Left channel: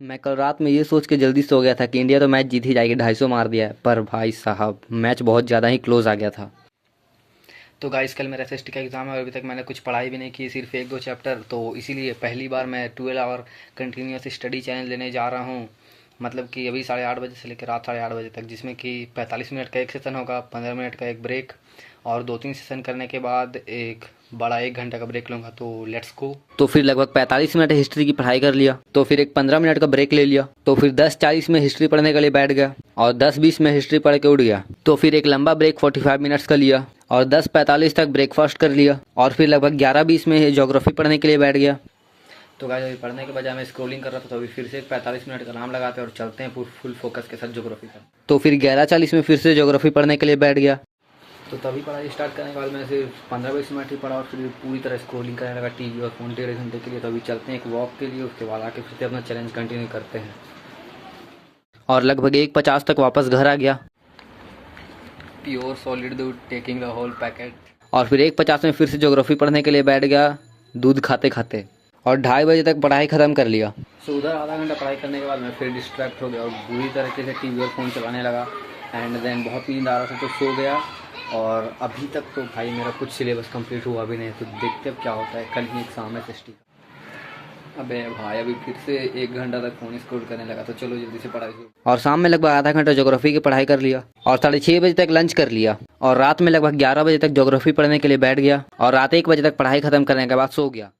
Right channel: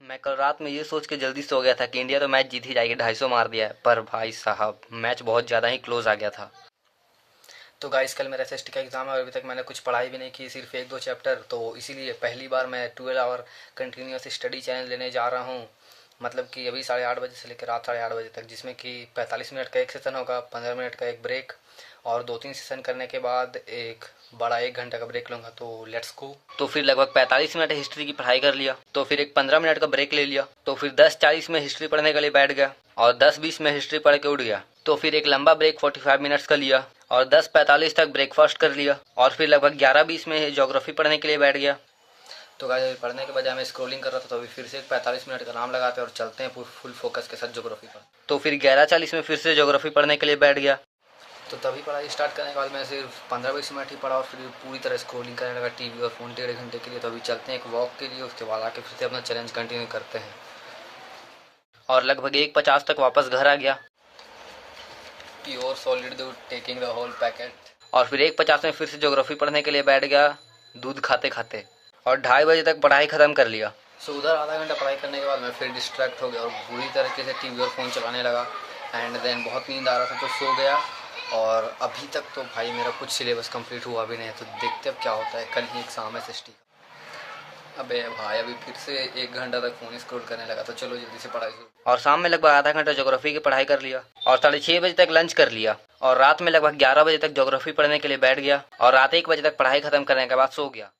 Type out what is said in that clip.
मैं कल रात में ये सोच के जल्दी सो गया था कि इंडिया तो मैच जीत ही जाएगी, 250 मार दिया है, पर भाई साहब मैच बहुत ज़्यादा ही क्लोज आ गया था। तो गाइस कल मेरा एसएसटी का एग्ज़ाम है, अभी तक मैंने कुछ पढ़ाई भी नहीं की, सिर्फ एक दो चैप्टर, तो इसीलिए पहली बार मैं 12 आवर कंटिन्यूस स्टडी चैलेंज लेने जा रहा हूँ। मतलब कि अभी 8:30 बजे से लेकर रात 8:30 बजे तक, जिसमें कि 45 मिनट का एक सेशन होगा, 15 मिनट का एक ब्रेक, और 2-3 सेशन करने के बाद एक बड़ा 1 घंटा का ब्रेक लूँगा। तो लेट्स गो। तो फिर लगभग 45 मिनट हिस्ट्री की पढ़ाई कर लिया, तो फिर एक 15 मिनट का ब्रेक ले लिया, तो फिर 10:40 में हिस्ट्री पढ़ने के लिए बैठ गया और 10:20 में हिस्ट्री पढ़ के उठ गया। तो फिर एक लंबा ब्रेक 45 मिनट्स का लिया और 10:45 तक ब्रेकफास्ट कर लिया, और फिर लगभग 11:20 में ज्योग्राफी पढ़ने के लिए बैठ गया। तो गाइस अभी पढ़ने के बजाय मैं स्क्रॉलिंग कर रहा था, तो अभी फिर से एक 45 मिनट का नाम लगाते हैं और चलते हैं फुल फोकस के साथ ज्योग्राफी पर। तो फिर 11:40 में फिर से ज्योग्राफी पढ़ने के लिए बैठ गया। तो तभी पढ़ाई स्टार्ट करने के बाद मैं सिर्फ 15-20 मिनट ही पढ़ा और फिर पूरी तरह स्क्रॉलिंग करने लगा टीवी और फ़ोन 1.5 घंटे के लिए। तो अभी चलते हैं एक वॉक के लिए, उसके बाद आके फिर से अपना चैलेंज कंटिन्यू करते हैं। और लगभग 1:50 तक वापस घर आ गया। प्योर सॉलिड दूध टेकिंग द होल पैकेट। और फिर 1:50 में फिर से ज्योग्राफी पढ़ने के लिए बैठ गया, दूध खाते खाते, और 2:30 बजे तक पढ़ाई ख़त्म कर लिया। सो उधर आधा घंटा पढ़ाई करने के बाद मैं फिर डिस्ट्रैक्ट हो गया और बुरी तरीके से टीवी और फ़ोन चलाने लगा। एंड देन बहुत नींद आ रहा था तो सो गया। और अभी तक तो भाई मेरा कुछ सिलेबस कंप्लीट हुआ भी नहीं है, तो देखते अब क्या होता है। कल ही एग्ज़ाम है एसएसटी का। अबे भाई अभी फिर से 1 घंटा तक फ़ोन स्क्रॉल करने लगा, तो चलो जल्दी से पढ़ाई शुरू। और शाम में लगभग आधा घंटा ज्योग्राफी की पढ़ाई कर लिया और 6:30 बजे तक लंच कर लिया, और रात में लगभग 11 बजे तक ज्योग्राफी पढ़ने के लिए बैठ गया और रात 1 बजे तक पढ़ाई ख़त्म करने के बाद सो गया।